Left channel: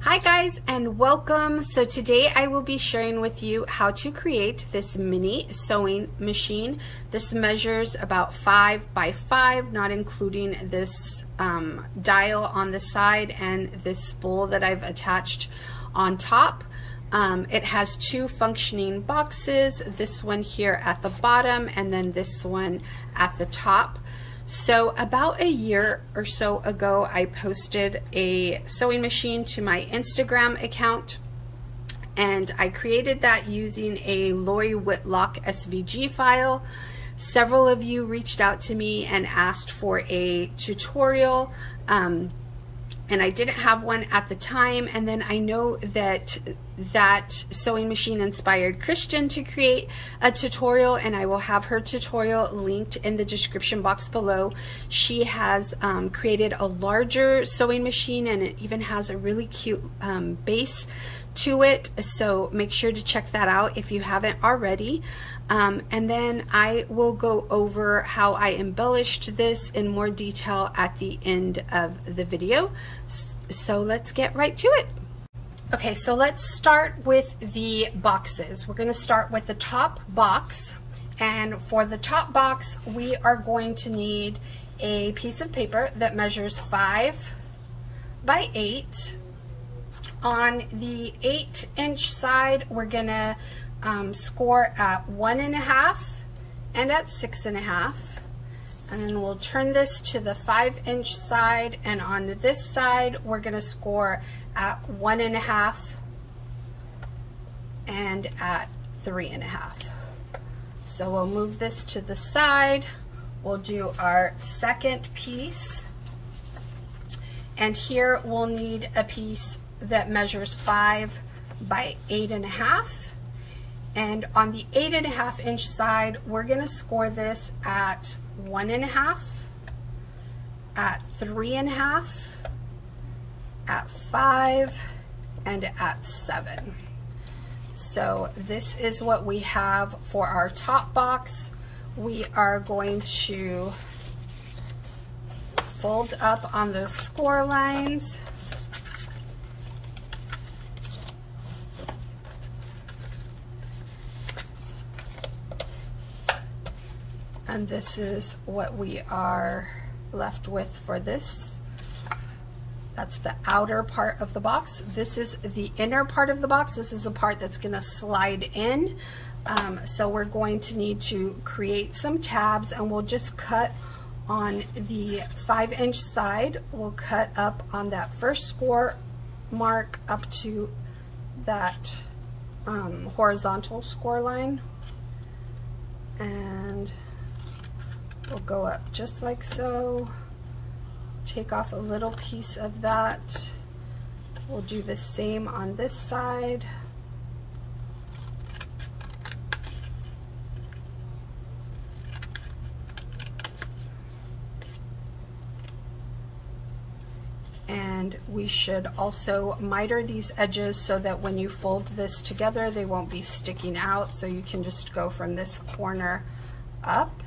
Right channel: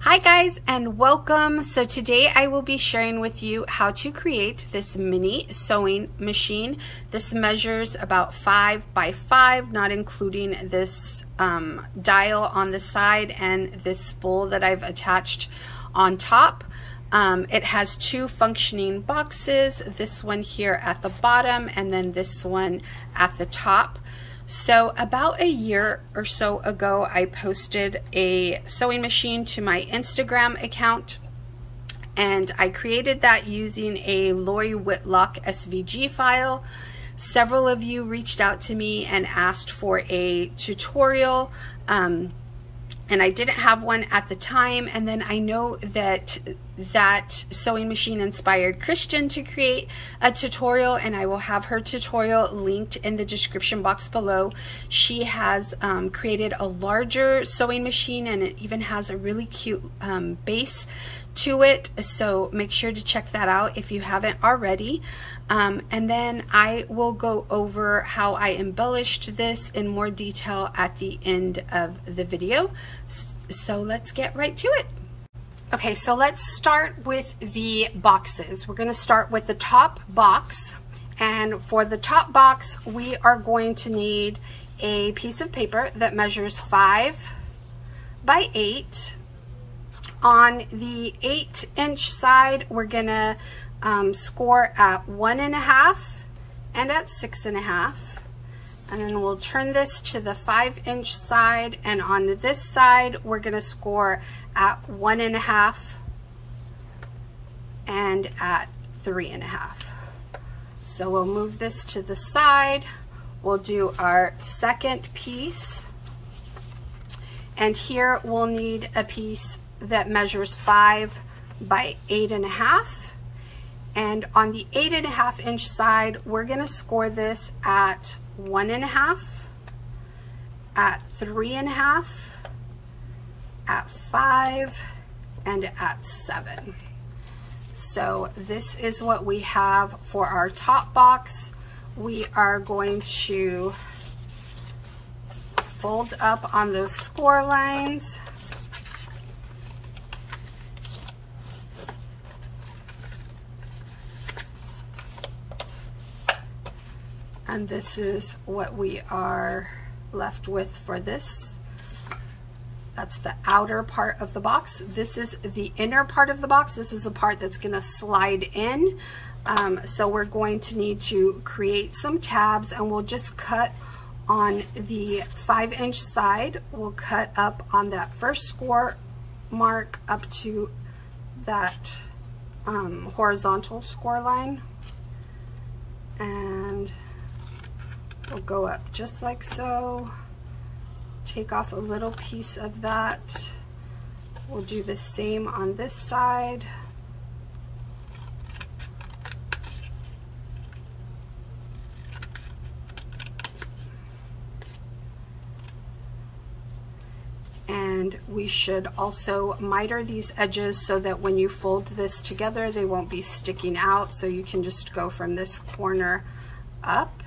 Hi guys, and welcome. So today I will be sharing with you how to create this mini sewing machine. This measures about 5 by 5, not including this dial on the side and this spool that I've attached on top. It has 2 functioning boxes, this one here at the bottom and then this one at the top. So about a year or so ago, I posted a sewing machine to my Instagram account, and I created that using a Lori Whitlock SVG file. Several of you reached out to me and asked for a tutorial, and I didn't have one at the time. And then I know that sewing machine inspired Kristianne to create a tutorial, and I will have her tutorial linked in the description box below. She has created a larger sewing machine, and it even has a really cute base to it, so make sure to check that out if you haven't already. And then I will go over how I embellished this in more detail at the end of the video. So let's get right to it. Okay, so let's start with the boxes. We're going to start with the top box, and for the top box we are going to need a piece of paper that measures 5 by 8. On the 8-inch side, we're gonna score at 1.5 and at 6.5. And then we'll turn this to the 5-inch side, and on this side, we're gonna score at 1.5 and at 3.5. So we'll move this to the side. We'll do our second piece. And here we'll need a piece that measures 5 by 8.5, and on the 8.5-inch side we're going to score this at 1.5, at 3.5, at 5, and at 7. So this is what we have for our top box. We are going to fold up on those score lines. And this is what we are left with for this. That's the outer part of the box. This is the inner part of the box. This is the part that's gonna slide in. So we're going to need to create some tabs, and we'll just cut on the 5-inch side. We'll cut up on that first score mark up to that horizontal score line. And we'll go up just like so, take off a little piece of that. We'll do the same on this side. And we should also miter these edges so that when you fold this together, they won't be sticking out. So you can just go from this corner up.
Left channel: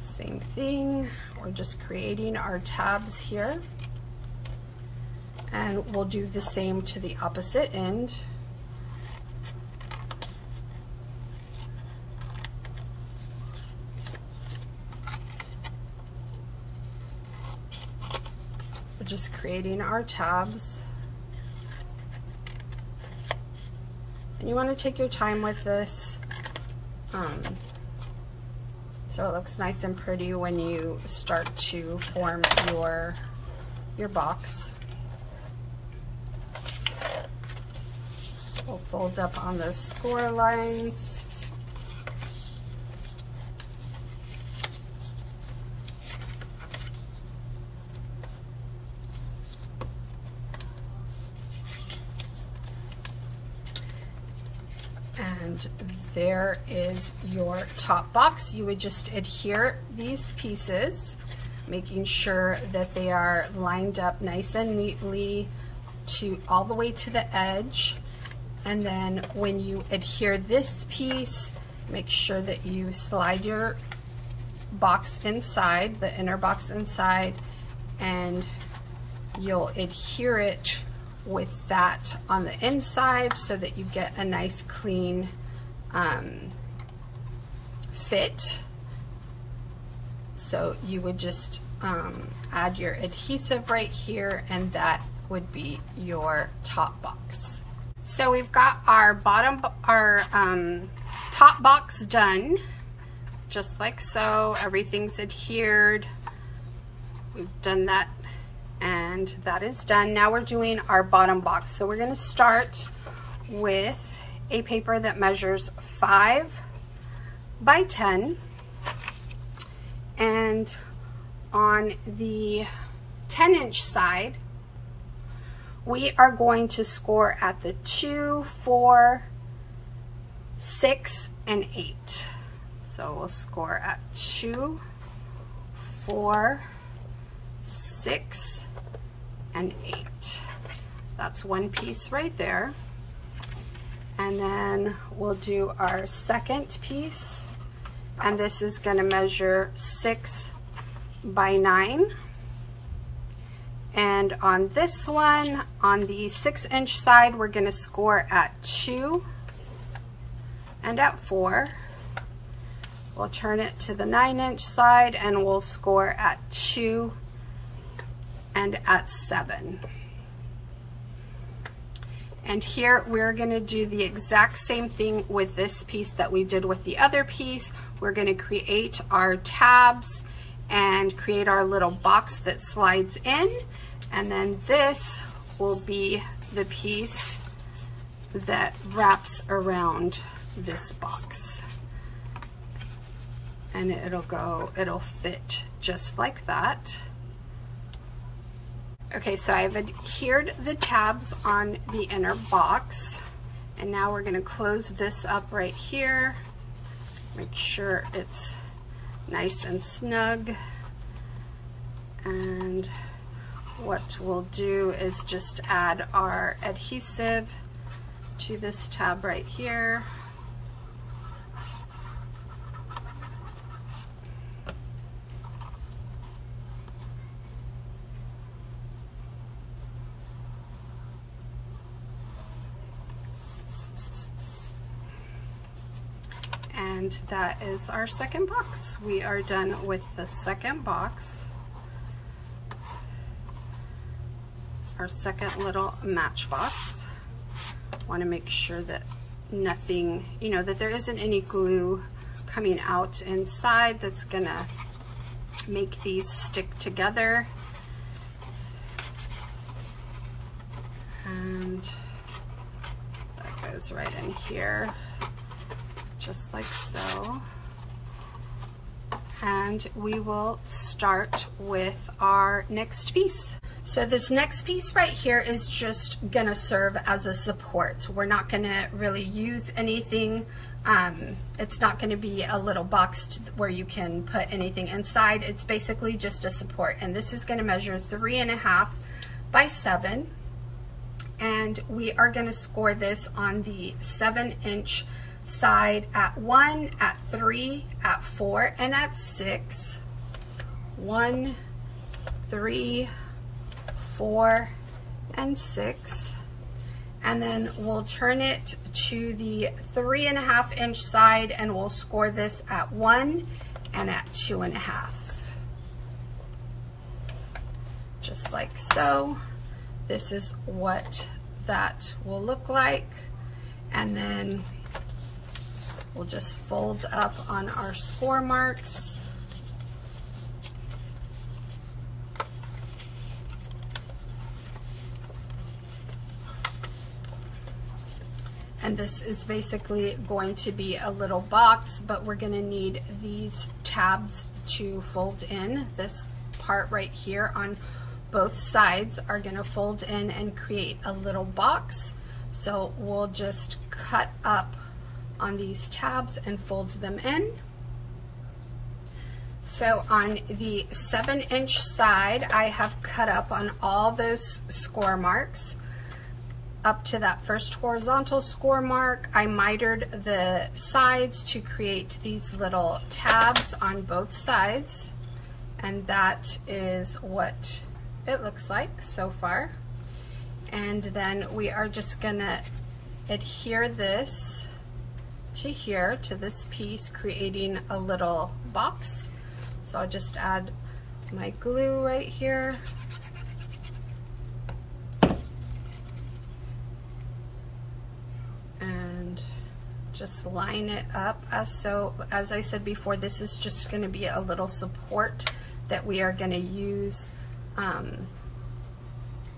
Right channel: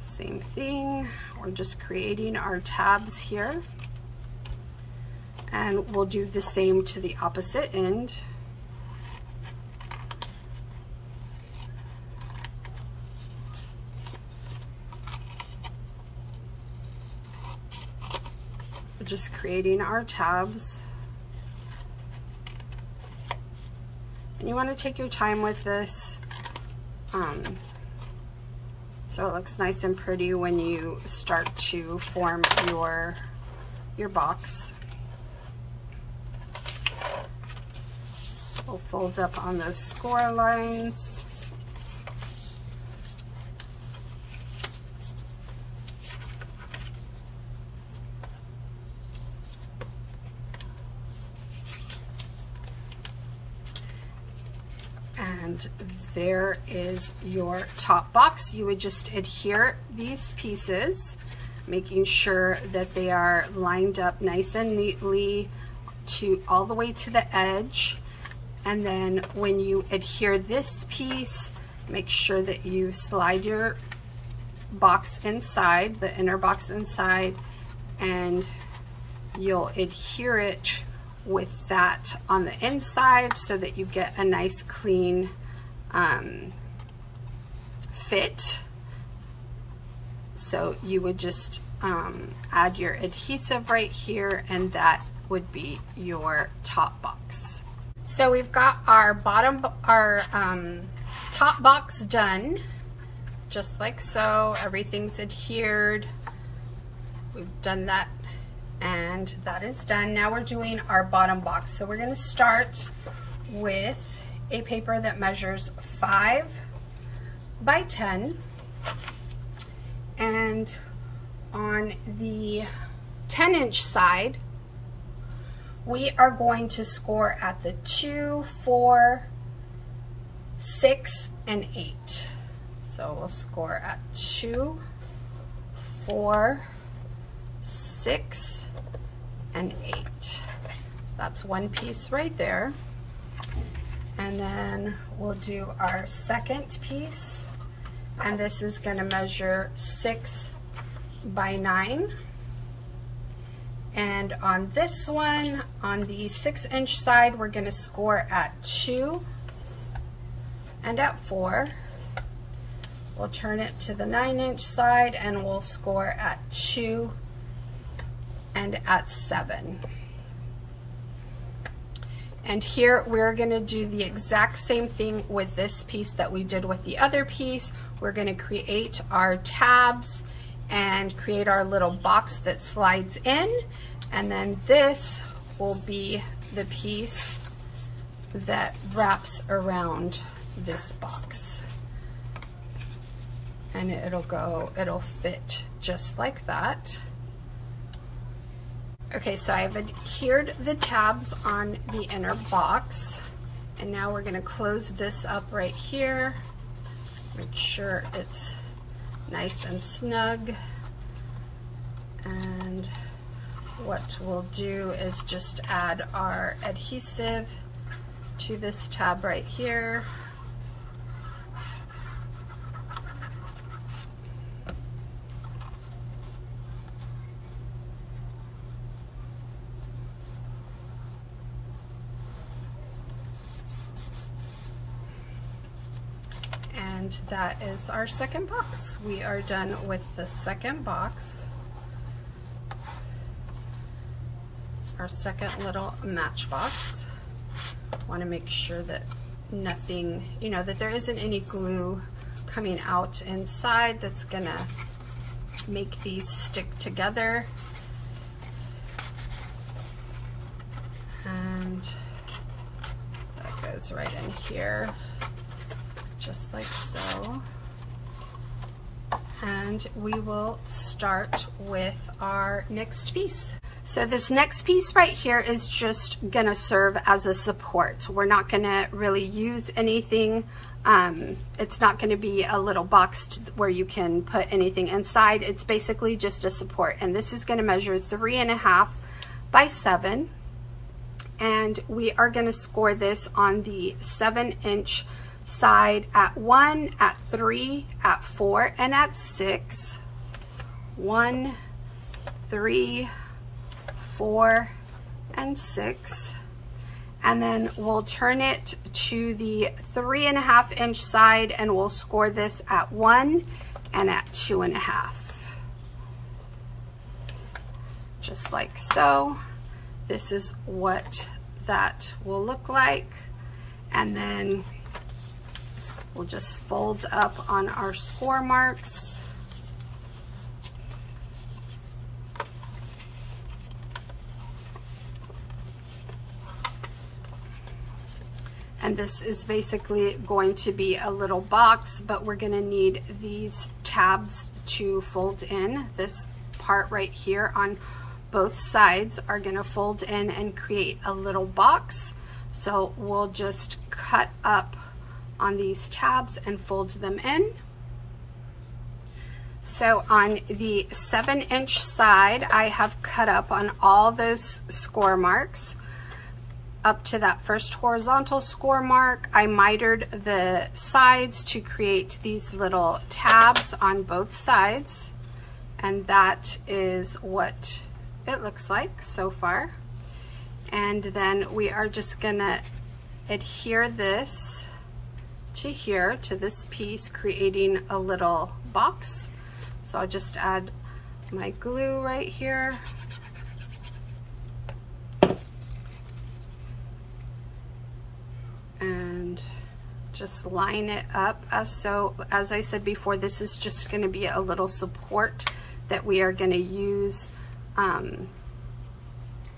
Same thing, we're just creating our tabs here, and we'll do the same to the opposite end. We're just creating our tabs. And you want to take your time with this. So it looks nice and pretty when you start to form your box. We'll fold up on those score lines. And there is your top box. You would just adhere these pieces, making sure that they are lined up nice and neatly to all the way to the edge. And then when you adhere this piece, Make sure that you slide your box inside, the inner box inside, and you'll adhere it with that on the inside so that you get a nice clean fit. So you would just add your adhesive right here, and that would be your top box. So we've got our top box done, just like so. Everything's adhered. We've done that, and that is done. Now we're doing our bottom box. So we're going to start with a paper that measures 5 by 10, and on the 10-inch side, we are going to score at the 2, 4, 6, and 8. So we'll score at 2, 4, 6, and 8. That's one piece right there. And then we'll do our second piece, and this is going to measure 6 by 9. And on this one, on the 6-inch side, we're going to score at 2 and at 4. We'll turn it to the 9-inch side and we'll score at 2 and at 7. And here we're going to do the exact same thing with this piece that we did with the other piece. We're going to create our tabs and create our little box that slides in, and then this will be the piece that wraps around this box, and it'll fit just like that. Okay, so I've adhered the tabs on the inner box, and now we're going to close this up right here. Make sure it's nice and snug. And what we'll do is just add our adhesive to this tab right here. And that is our second box. We are done with the second box. Our second little matchbox. Want to make sure that nothing, that there isn't any glue coming out inside that's gonna make these stick together. And that goes right in here, just like so. And we will start with our next piece. So this next piece right here is just gonna serve as a support. We're not gonna really use anything. It's not gonna be a little box where you can put anything inside. It's basically just a support. And this is gonna measure 3.5 by 7. And we are gonna score this on the 7-inch side at 1, at 3, at 4, and at 6. 1, 3, 4, and 6. And then we'll turn it to the 3.5-inch side and we'll score this at 1 and at 2.5. Just like so. This is what that will look like. And then we'll just fold up on our score marks. And this is basically going to be a little box, but we're gonna need these tabs to fold in. This part right here on both sides are gonna fold in and create a little box. So we'll just cut up on these tabs and fold them in. So on the 7-inch side, I have cut up on all those score marks up to that first horizontal score mark. I mitered the sides to create these little tabs on both sides, and that is what it looks like so far. And then we are just gonna adhere this to here, to this piece, creating a little box. So I'll just add my glue right here. And just line it up as so. As I said before, this is just going to be a little support that we are going to use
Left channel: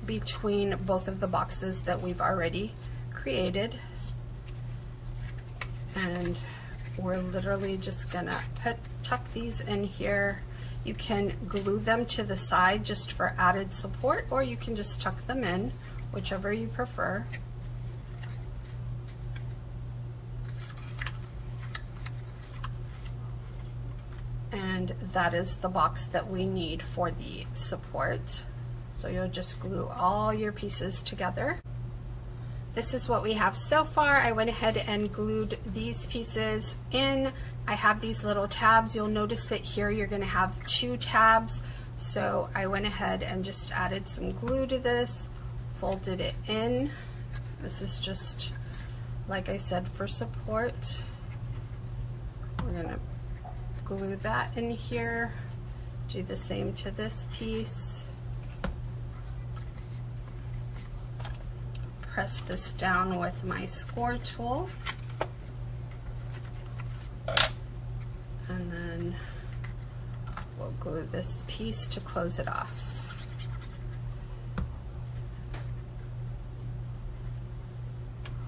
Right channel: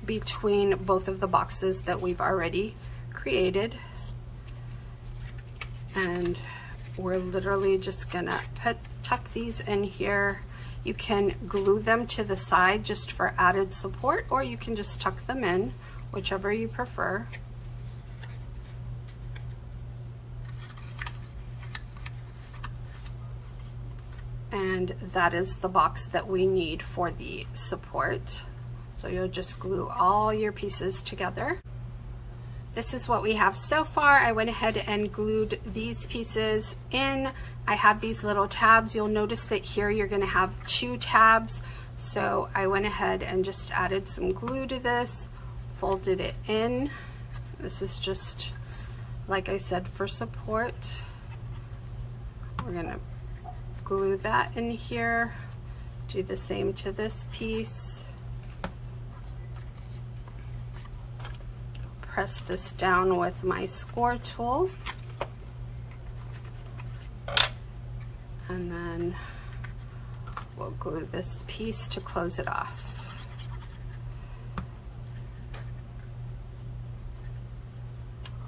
between both of the boxes that we've already created. And we're literally just gonna tuck these in here. You can glue them to the side just for added support, or you can just tuck them in, whichever you prefer. And that is the box that we need for the support. So you'll just glue all your pieces together. This is what we have so far. I went ahead and glued these pieces in. I have these little tabs. You'll notice that here you're going to have 2 tabs. So I went ahead and just added some glue to this, folded it in. This is just, like I said, for support. We're going to glue that in here. Do the same to this piece. Press this down with my score tool. And then we'll glue this piece to close it off.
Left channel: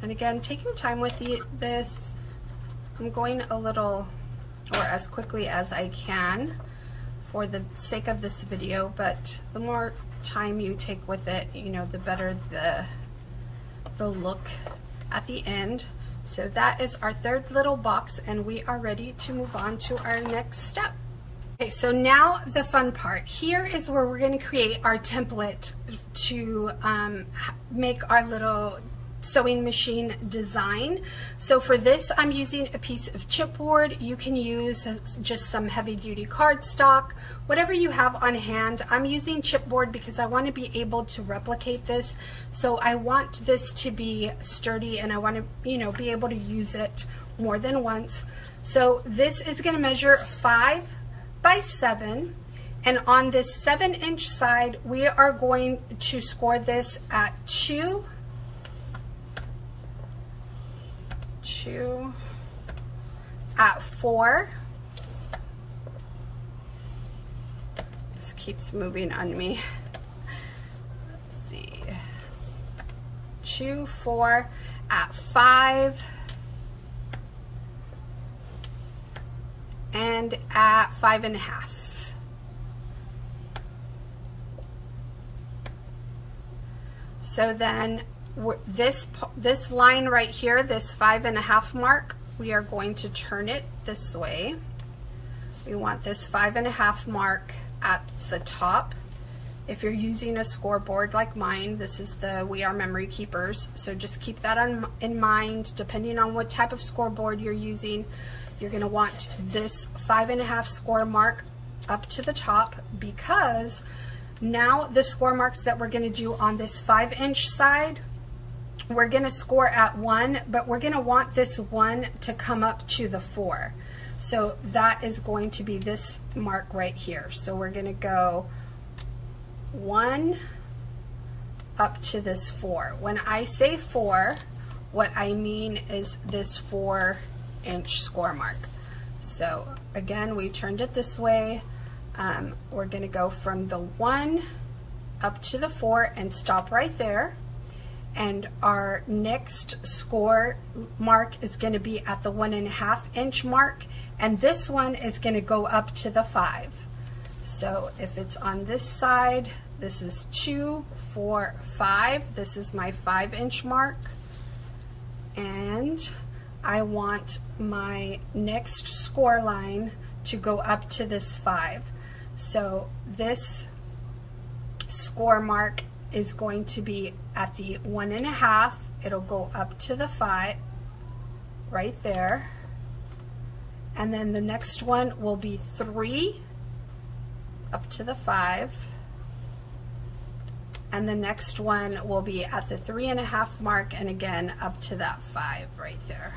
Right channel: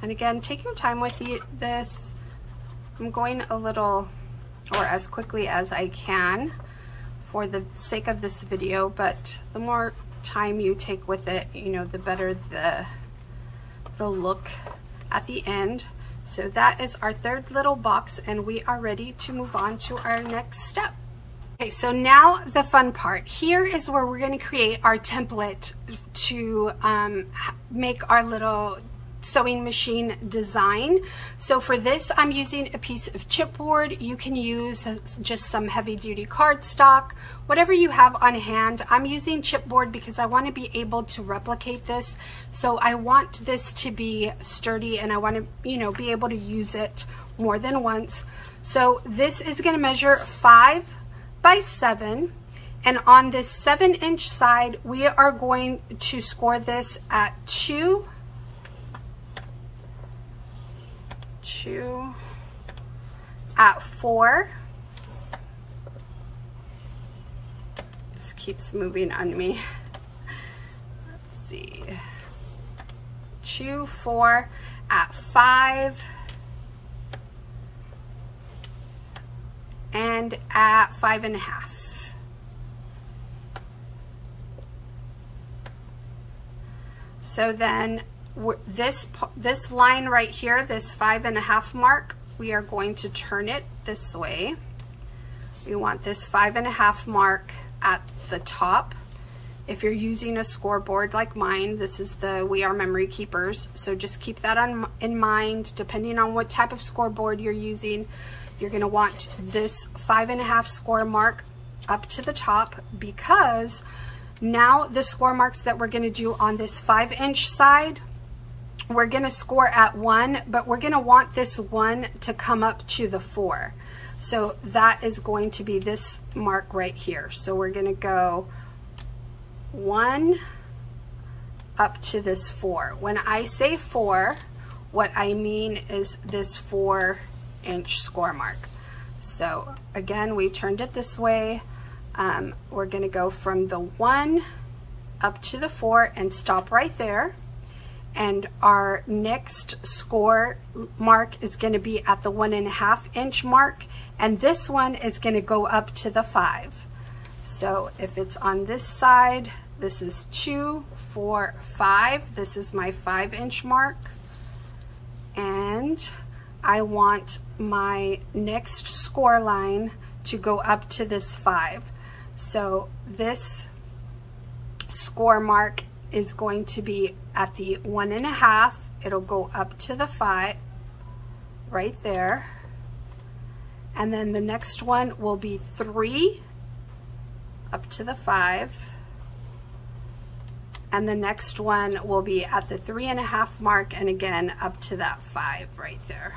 And again, take your time with this. I'm going a little, or as quickly as I can for the sake of this video, but the more time you take with it, you know, the better the look at the end. So that is our third little box, and we are ready to move on to our next step. Okay, so now the fun part. Here is where we're going to create our template to make our little sewing machine design. So for this, I'm using a piece of chipboard. You can use just some heavy duty cardstock, whatever you have on hand. I'm using chipboard because I want to be able to replicate this. So I want this to be sturdy, and I want to, you know, be able to use it more than once. So this is going to measure 5 by 7. And on this 7-inch side, we are going to score this at 2 at 4. Just keeps moving on me. Let's see. 2, 4 at 5, and at 5.5. So then this line right here, this 5.5 mark, we are going to turn it this way. We want this 5.5 mark at the top. If you're using a scoreboard like mine, this is the We Are Memory Keepers, so just keep that in mind. Depending on what type of scoreboard you're using, you're going to want this 5.5 score mark up to the top, because now the score marks that we're going to do on this 5-inch side, we're going to score at 1, but we're going to want this 1 to come up to the 4. So that is going to be this mark right here. So we're going to go 1 up to this 4. When I say 4, what I mean is this 4-inch score mark. So again, we turned it this way. We're going to go from the 1 up to the 4 and stop right there. And our next score mark is going to be at the 1.5-inch mark, and this one is going to go up to the 5. So if it's on this side, this is 2, 4, 5. This is my 5-inch mark, and I want my next score line to go up to this 5. So this score mark is going to be at the 1.5. It'll go up to the 5 right there. And then the next one will be 3 up to the 5. And the next one will be at the 3.5 mark, and again up to that 5 right there.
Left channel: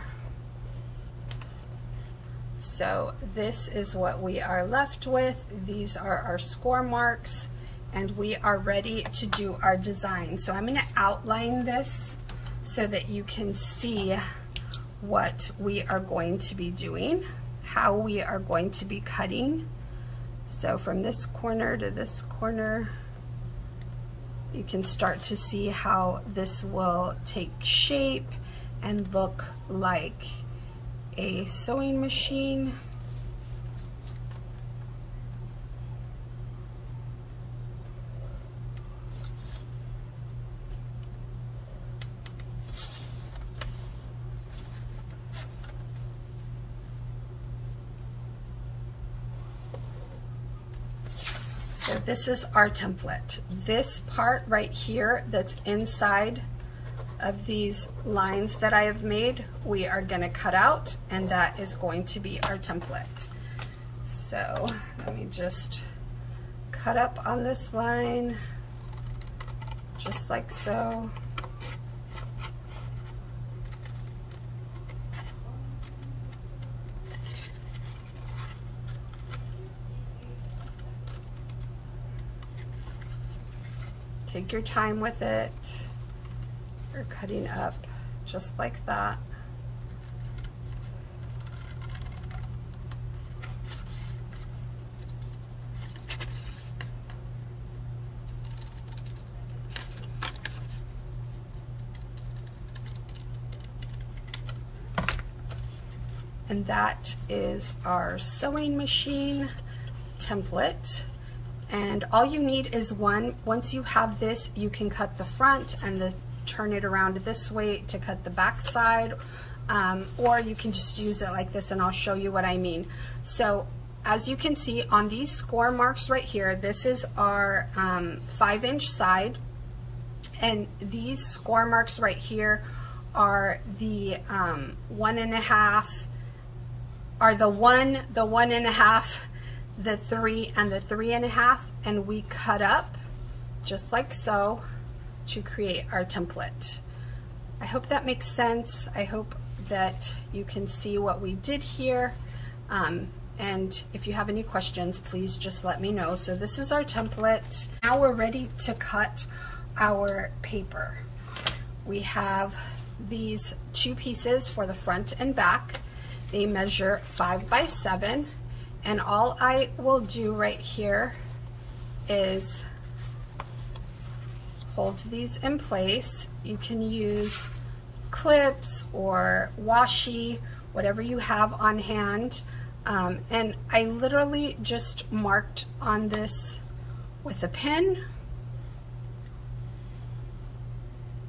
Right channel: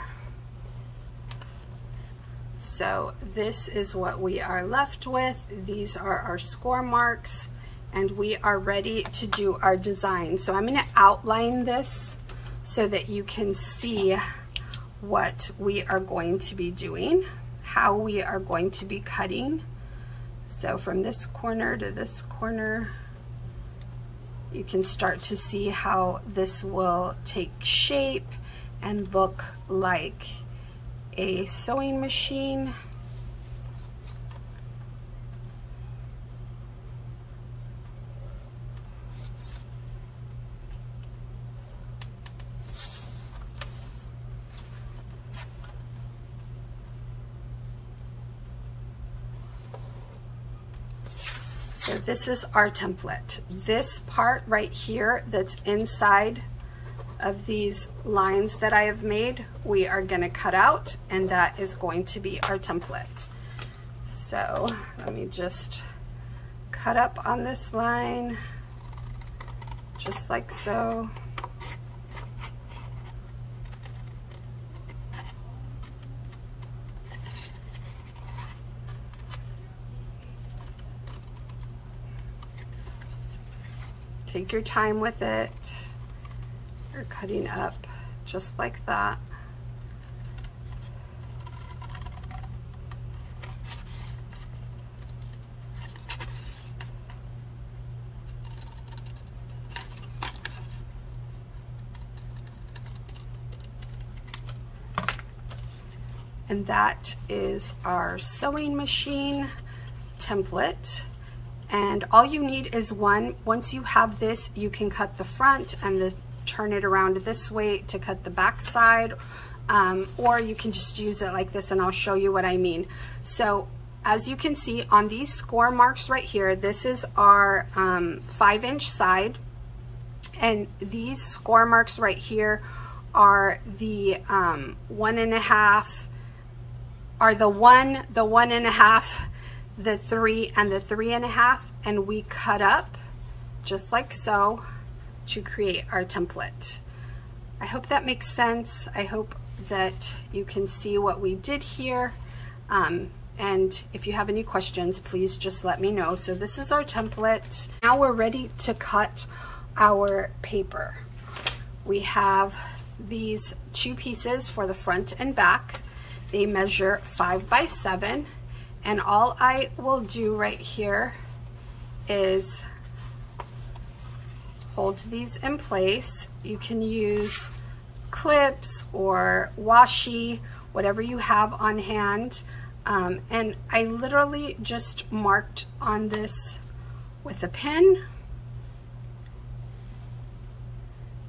So this is what we are left with. These are our score marks, and we are ready to do our design. So I'm going to outline this so that you can see what we are going to be doing, how we are going to be cutting. So from this corner to this corner, you can start to see how this will take shape and look like a sewing machine. So this is our template. This part right here that's inside of these lines that I have made, we are going to cut out, and that is going to be our template. So let me just cut up on this line, just like so. Take your time with it. You're cutting up just like that. And that is our sewing machine template. And all you need is one. Once you have this, you can cut the front and turn it around this way to cut the back side, or you can just use it like this, and I'll show you what I mean. So as you can see on these score marks right here, this is our 5-inch side, and these score marks right here are the 1.5, are the 1, the 1.5, the 3, and the 3.5, and we cut up just like so to create our template. I hope that makes sense. I hope that you can see what we did here, and if you have any questions, please just let me know. So this is our template. Now we're ready to cut our paper. We have these 2 pieces for the front and back. They measure 5 by 7. And all I will do right here is hold these in place. You can use clips or washi, whatever you have on hand. And I literally just marked on this with a pin.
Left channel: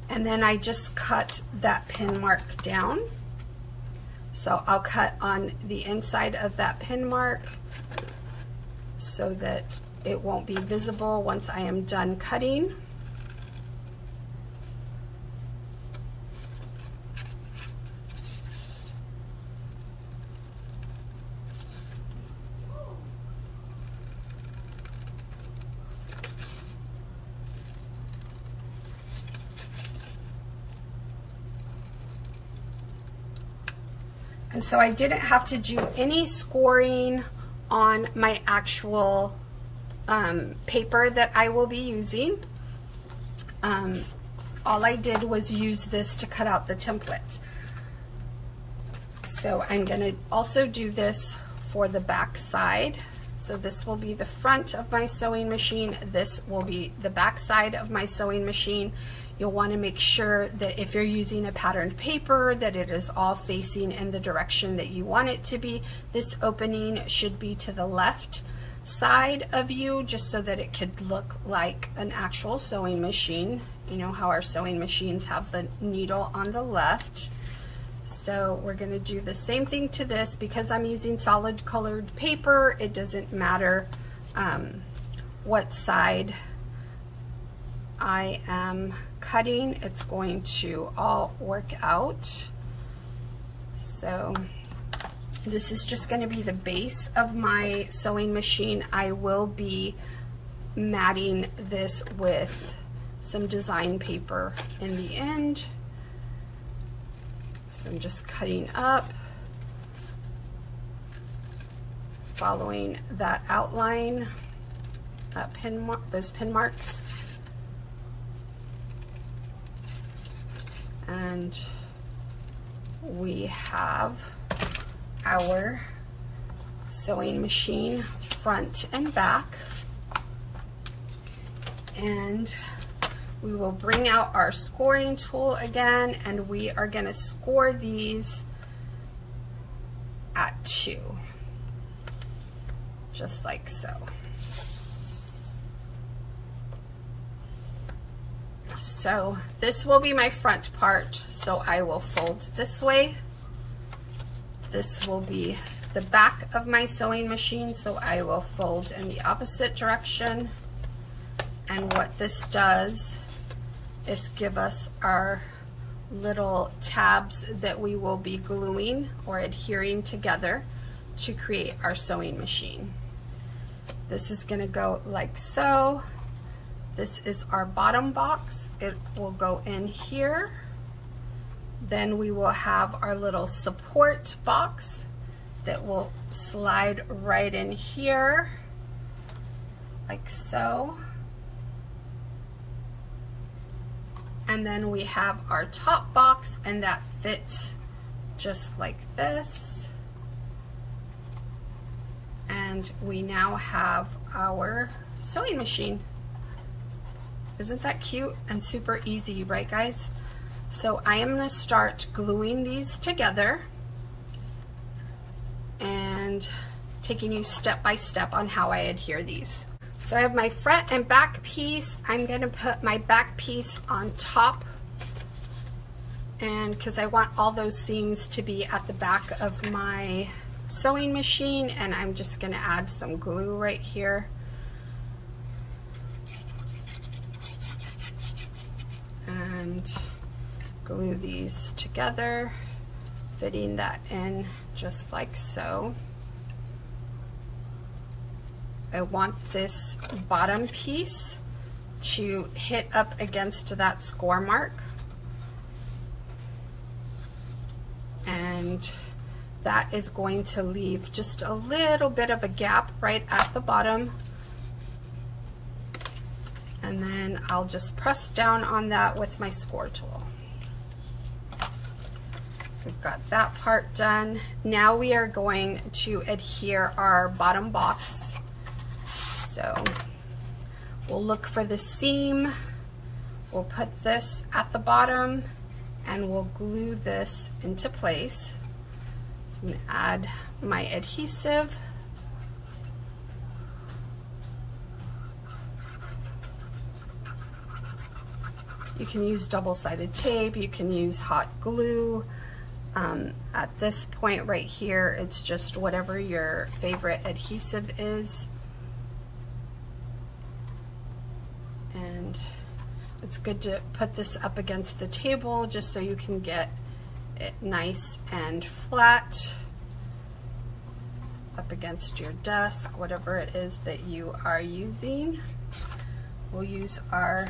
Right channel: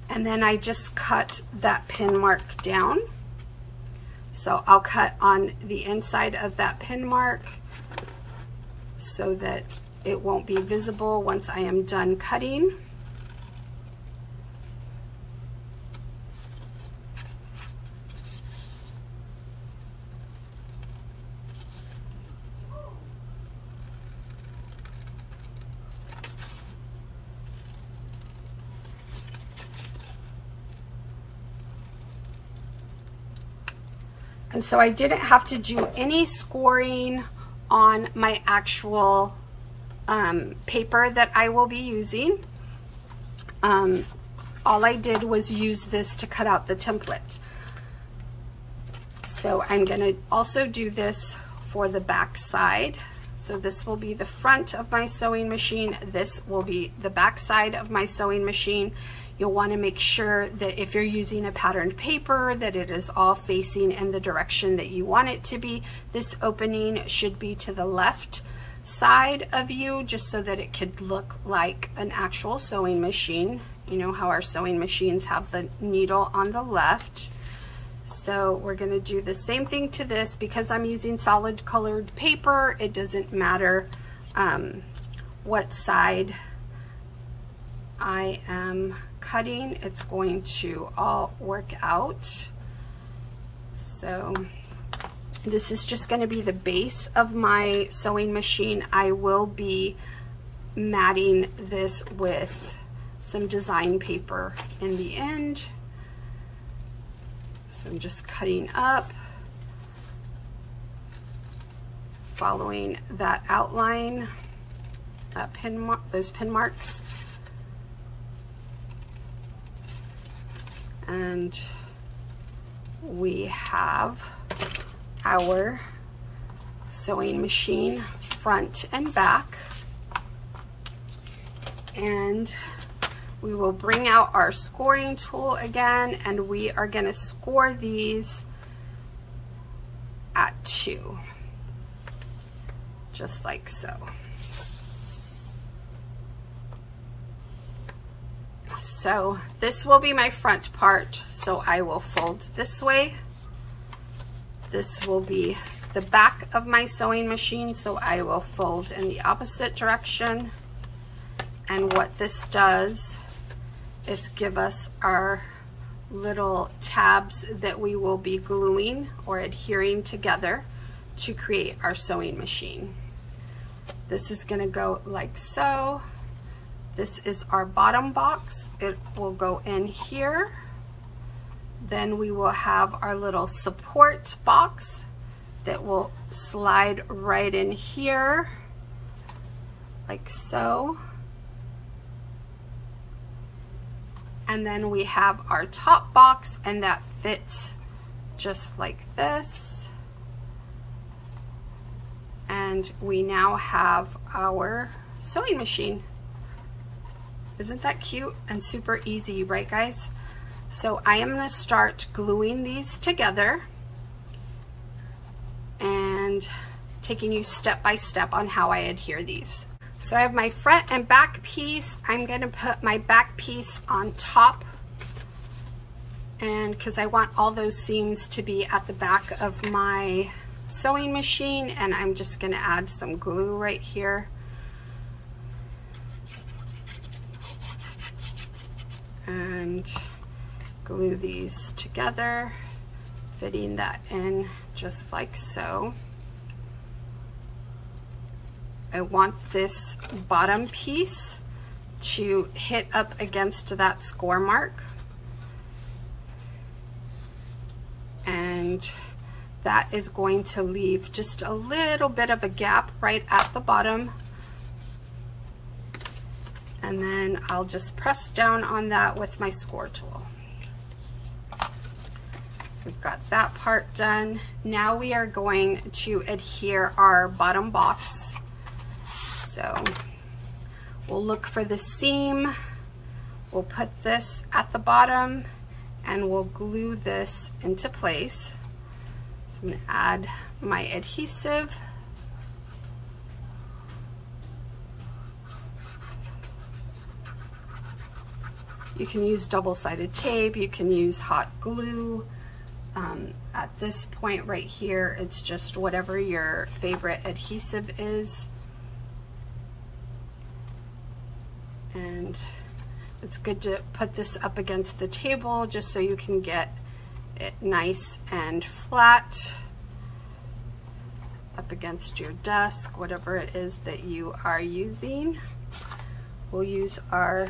And then I just cut that pin mark down. So I'll cut on the inside of that pin mark so that it won't be visible once I am done cutting. And so I didn't have to do any scoring on my actual paper that I will be using. All I did was use this to cut out the template. So I'm gonna also do this for the back side. So this will be the front of my sewing machine. This will be the back side of my sewing machine. You'll want to make sure that if you're using a patterned paper, that it is all facing in the direction that you want it to be. This opening should be to the left side of you, just so that it could look like an actual sewing machine. You know how our sewing machines have the needle on the left. So we're going to do the same thing to this. Because I'm using solid colored paper, it doesn't matter what side I am cutting, it's going to all work out. So this is just going to be the base of my sewing machine. I will be matting this with some design paper in the end. So I'm just cutting up, following that outline, that those pin marks. And we have our sewing machine front and back. And we will bring out our scoring tool again, and we are going to score these at 2, just like so. So this will be my front part, so I will fold this way. This will be the back of my sewing machine, so I will fold in the opposite direction. And what this does is give us our little tabs that we will be gluing or adhering together to create our sewing machine. This is going to go like so. This is our bottom box. It will go in here. Then we will have our little support box that will slide right in here, like so. And then we have our top box, and that fits just like this. And we now have our sewing machine. Isn't that cute and super easy, right guys? So I am going to start gluing these together and taking you step by step on how I adhere these. So I have my front and back piece. I'm going to put my back piece on top, and because I want all those seams to be at the back of my sewing machine, and I'm just going to add some glue right here. And glue these together, fitting that in just like so. I want this bottom piece to hit up against that score mark, and that is going to leave just a little bit of a gap right at the bottom. And then I'll just press down on that with my score tool. We've got that part done. Now we are going to adhere our bottom box. So we'll look for the seam. We'll put this at the bottom, and we'll glue this into place. So I'm going to add my adhesive. You can use double-sided tape, you can use hot glue. At this point right here, it's just whatever your favorite adhesive is. And it's good to put this up against the table just so you can get it nice and flat up against your desk, whatever it is that you are using. We'll use our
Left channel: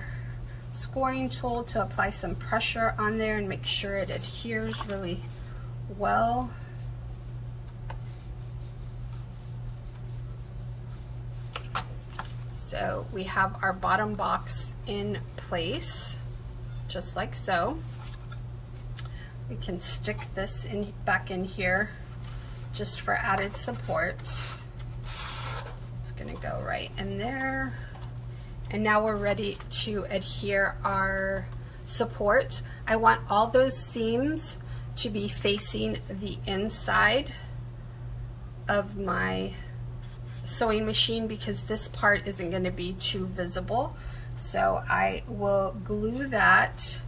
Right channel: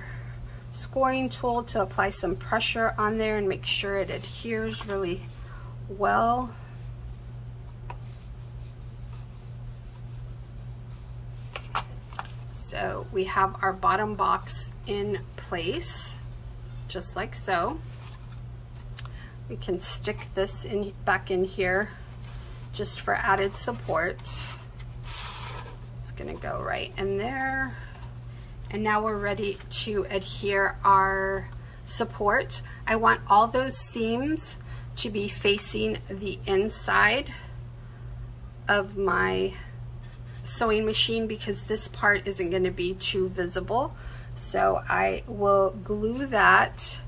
scoring tool to apply some pressure on there and make sure it adheres really well. So we have our bottom box in place, just like so. We can stick this in back in here just for added support. It's gonna go right in there. And now we're ready to adhere our support. I want all those seams to be facing the inside of my sewing machine because this part isn't going to be too visible. So I will glue that,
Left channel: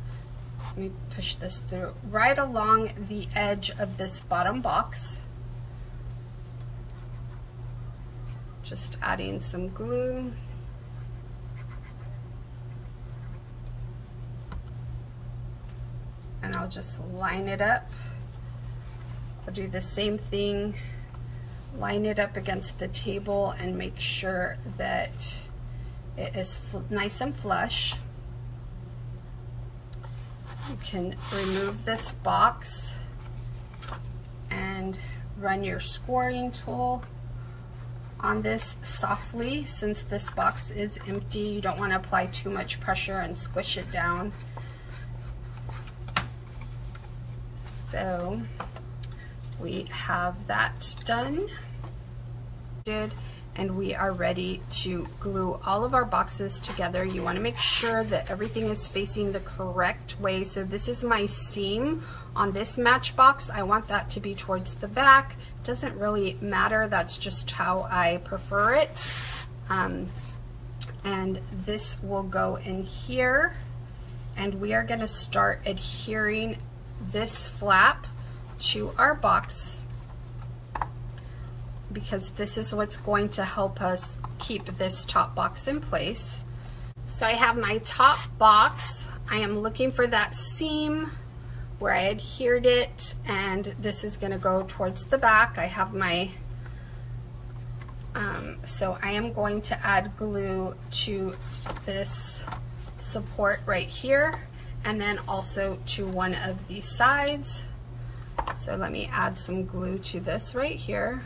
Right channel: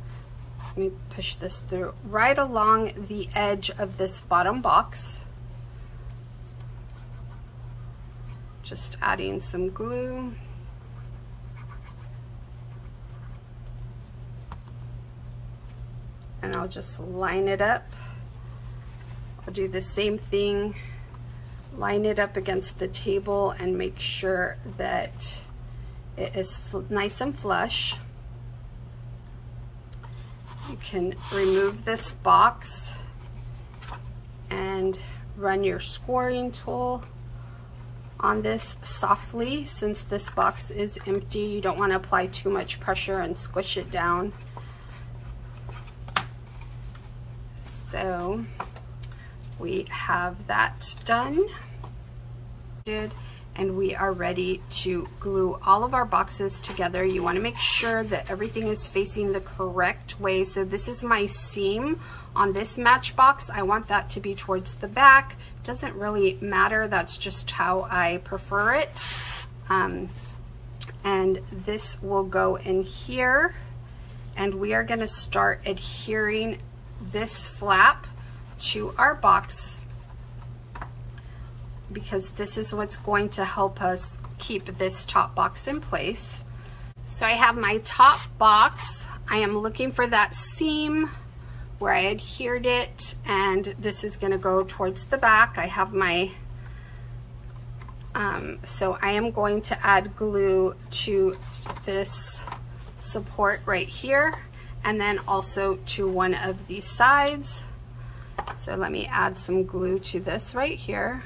let me push this through, right along the edge of this bottom box. Just adding some glue. I'll just line it up. I'll do the same thing, line it up against the table and make sure that it is nice and flush. You can remove this box and run your scoring tool on this softly. Since this box is empty, you don't want to apply too much pressure and squish it down. So we have that done, and we are ready to glue all of our boxes together. You want to make sure that everything is facing the correct way. So this is my seam on this Matchbox. I want that to be towards the back. Doesn't really matter, that's just how I prefer it. And this will go in here, and we are going to start adhering this flap to our box, because this is what's going to help us keep this top box in place. So I have my top box. I am looking for that seam where I adhered it, and this is going to go towards the back. I have my so I am going to add glue to this support right here, and then also to one of these sides. So let me add some glue to this right here.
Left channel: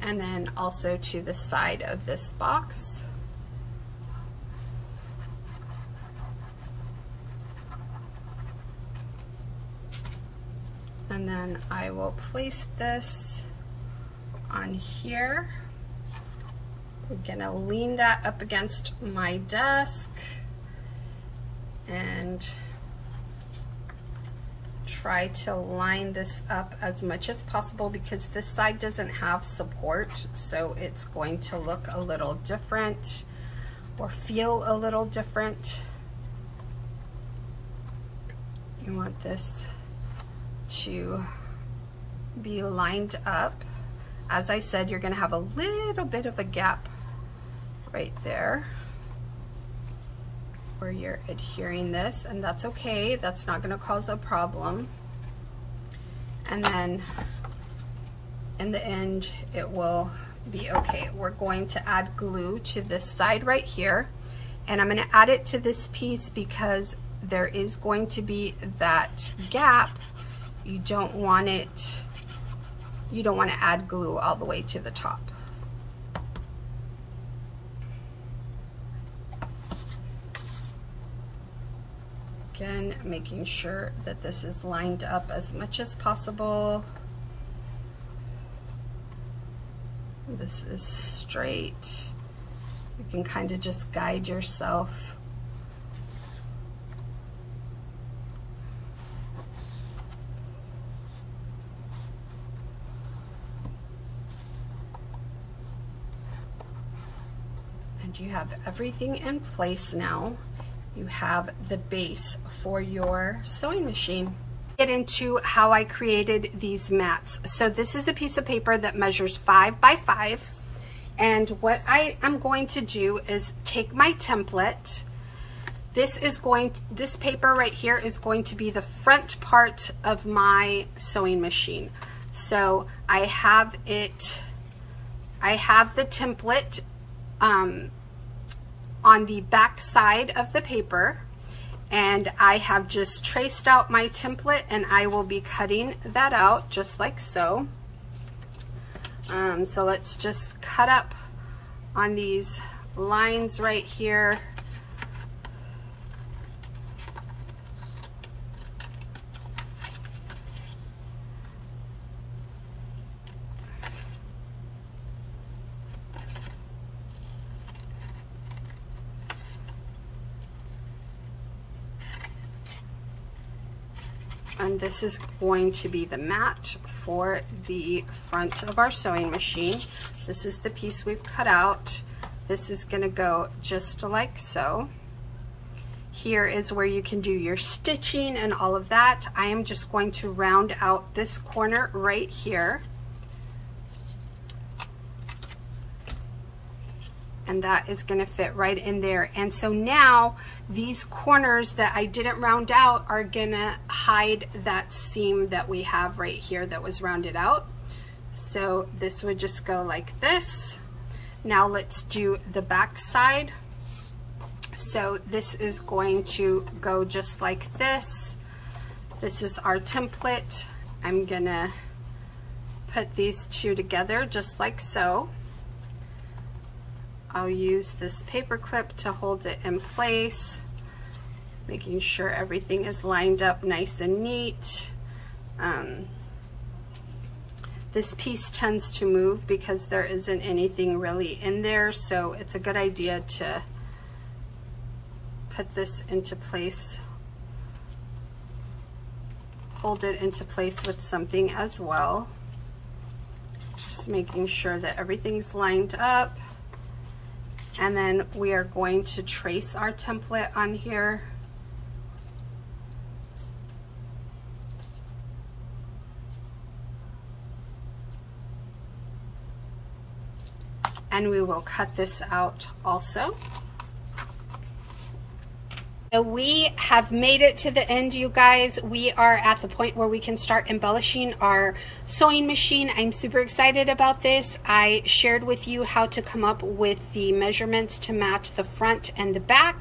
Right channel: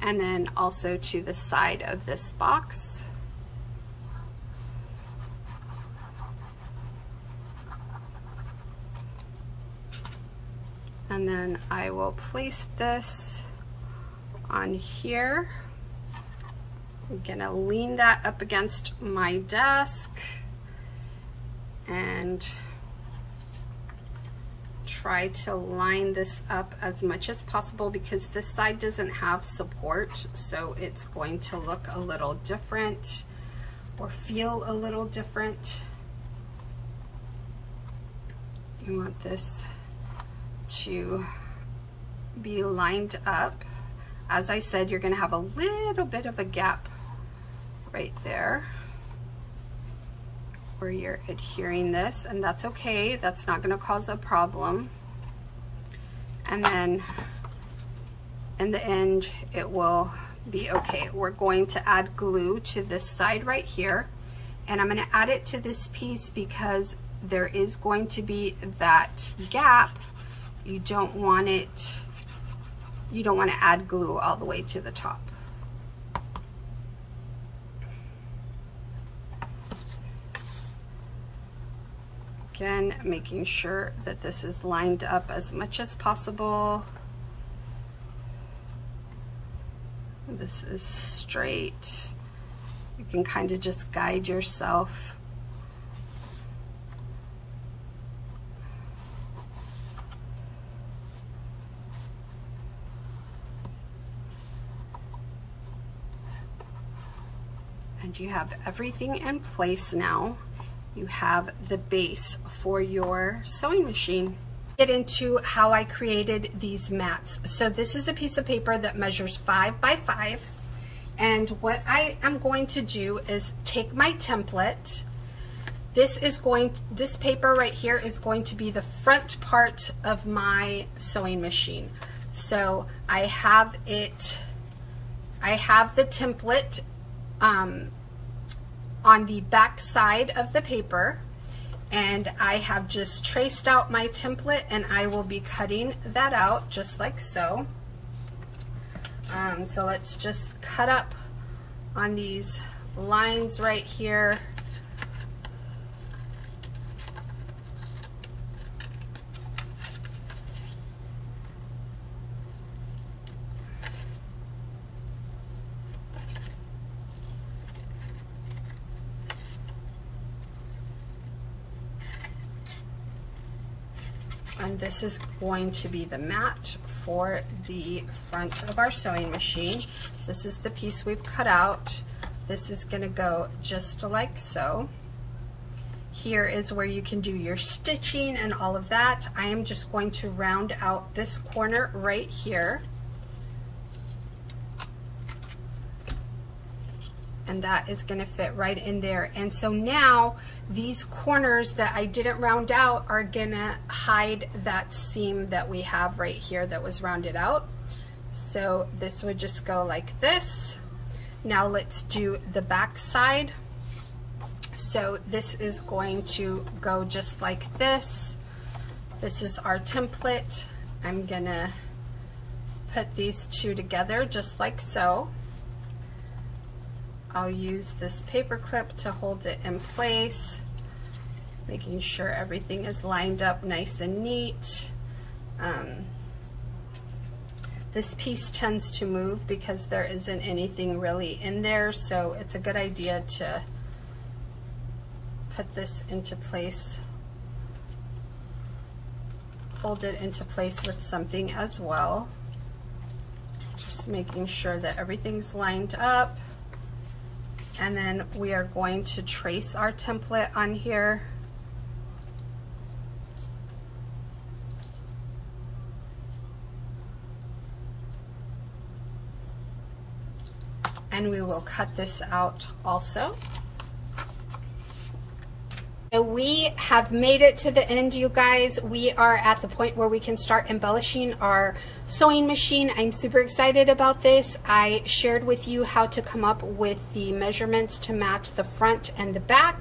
And then also to the side of this box. And then I will place this on here. I'm gonna lean that up against my desk and try to line this up as much as possible, because this side doesn't have support, so it's going to look a little different or feel a little different. You want this to be lined up. As I said, you're going to have a little bit of a gap right there where you're adhering this, and that's okay. That's not going to cause a problem. And then in the end, it will be okay. We're going to add glue to this side right here, and I'm going to add it to this piece because there is going to be that gap. You don't want it, you don't want to add glue all the way to the top. Again, making sure that this is lined up as much as possible. This is straight. You can kind of just guide yourself. And you have everything in place now. You have the base for your sewing machine. Get into how I created these mats. So this is a piece of paper that measures 5 by 5. And what I am going to do is take my template. This paper right here is going to be the front part of my sewing machine. So I have the template on the back side of the paper, and I have just traced out my template, and I will be cutting that out just like so. So let's just cut up on these lines right here. And this is going to be the mat for the front of our sewing machine. This is the piece we've cut out. This is going to go just like so. Here is where you can do your stitching and all of that. I am just going to round out this corner right here. and that is going to fit right in there. And so now these corners that I didn't round out are going to hide that seam that we have right here that was rounded out. So this would just go like this. Now let's do the back side. So this is going to go just like this. This is our template. I'm gonna put these two together just like so. I'll use this paper clip to hold it in place, making sure everything is lined up nice and neat. This piece tends to move because there isn't anything really in there, so it's a good idea to put this into place, hold it into place with something as well. Just making sure that everything's lined up. And then we are going to trace our template on here. And we will cut this out also. So we have made it to the end, you guys. We are at the point where we can start embellishing our sewing machine. I'm super excited about this. I shared with you how to come up with the measurements to match the front and the back,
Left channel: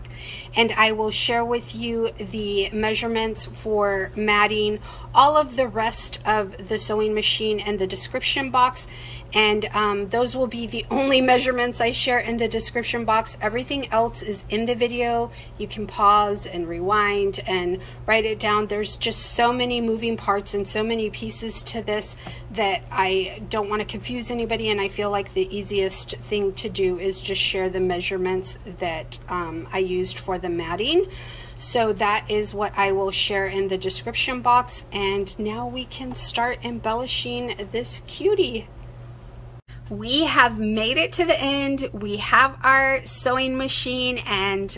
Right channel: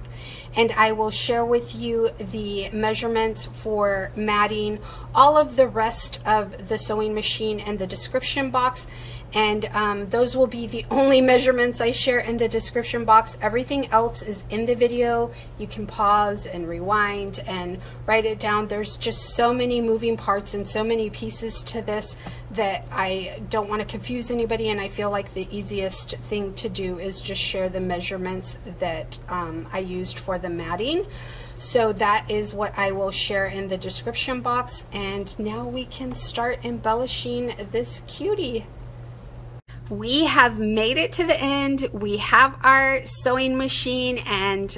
and I will share with you the measurements for matting all of the rest of the sewing machine and the description box. And those will be the only measurements I share in the description box. Everything else is in the video. You can pause and rewind and write it down. There's just so many moving parts and so many pieces to this that I don't want to confuse anybody, and I feel like the easiest thing to do is just share the measurements that I used for the matting. So that is what I will share in the description box, and now we can start embellishing this cutie. We have made it to the end. We have our sewing machine, and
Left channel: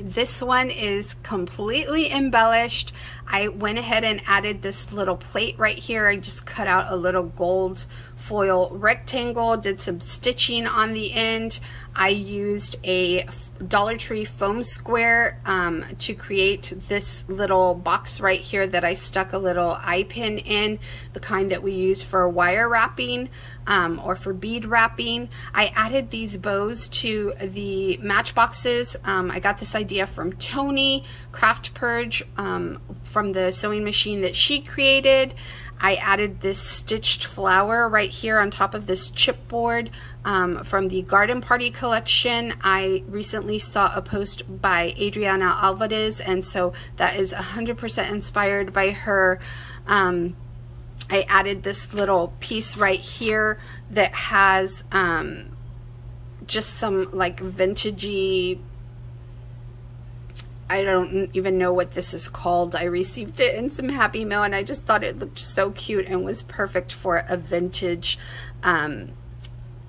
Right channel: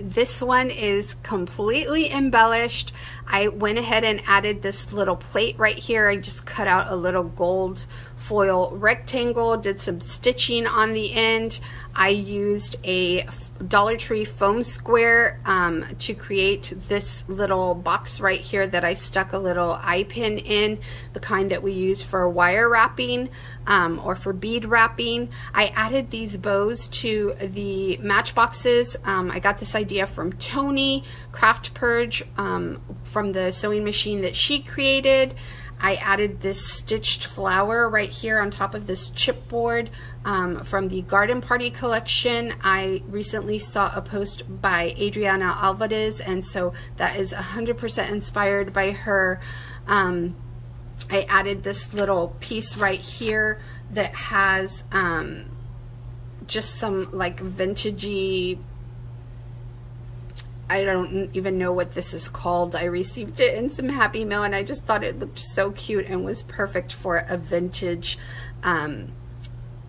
this one is completely embellished. I went ahead and added this little plate right here. I just cut out a little gold foil rectangle, did some stitching on the end. I used a Dollar Tree foam square to create this little box right here that I stuck a little eye pin in, the kind that we use for wire wrapping or for bead wrapping. I added these bows to the Matchboxes. I got this idea from Tony Craft Purge from the sewing machine that she created. I added this stitched flower right here on top of this chipboard from the Garden Party collection. I recently saw a post by Adriana Alvarez, and so that is 100% inspired by her. I added this little piece right here that has just some like vintagey, I don't even know what this is called. I received it in some Happy Mail, and I just thought it looked so cute and was perfect for a vintage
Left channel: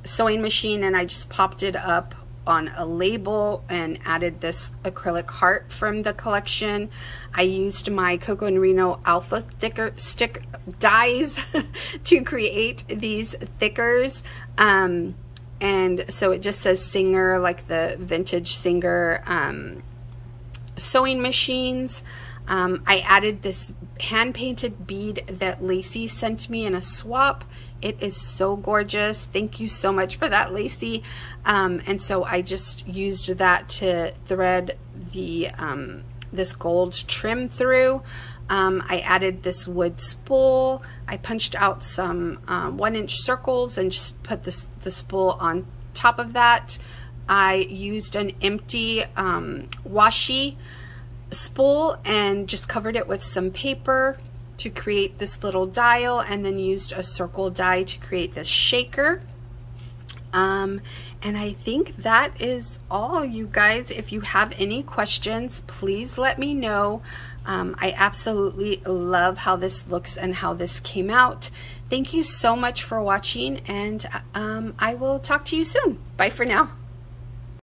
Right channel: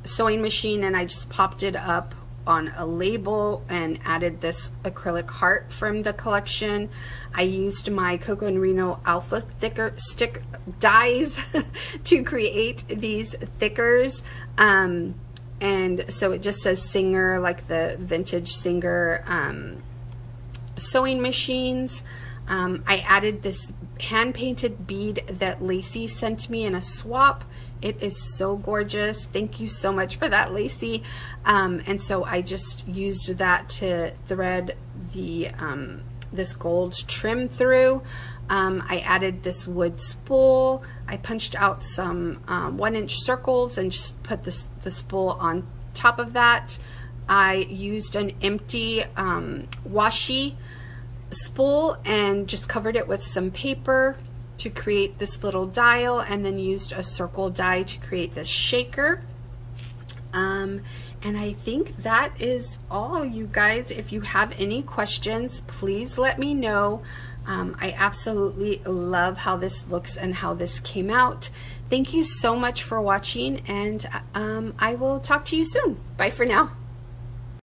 sewing machine, and I just popped it up on a label and added this acrylic heart from the collection. I used my Coco and Reno Alpha stick dies to create these thickers, and so it just says Singer, like the vintage Singer sewing machines. I added this hand-painted bead that Lacey sent me in a swap. It is so gorgeous. Thank you so much for that, Lacey. And so I just used that to thread the this gold trim through. I added this wood spool. I punched out some 1-inch circles and just put the spool on top of that. I used an empty washi spool and just covered it with some paper to create this little dial, and then used a circle die to create this shaker. And I think that is all, you guys. If you have any questions, please let me know. I absolutely love how this looks and how this came out. Thank you so much for watching, and I will talk to you soon. Bye for now.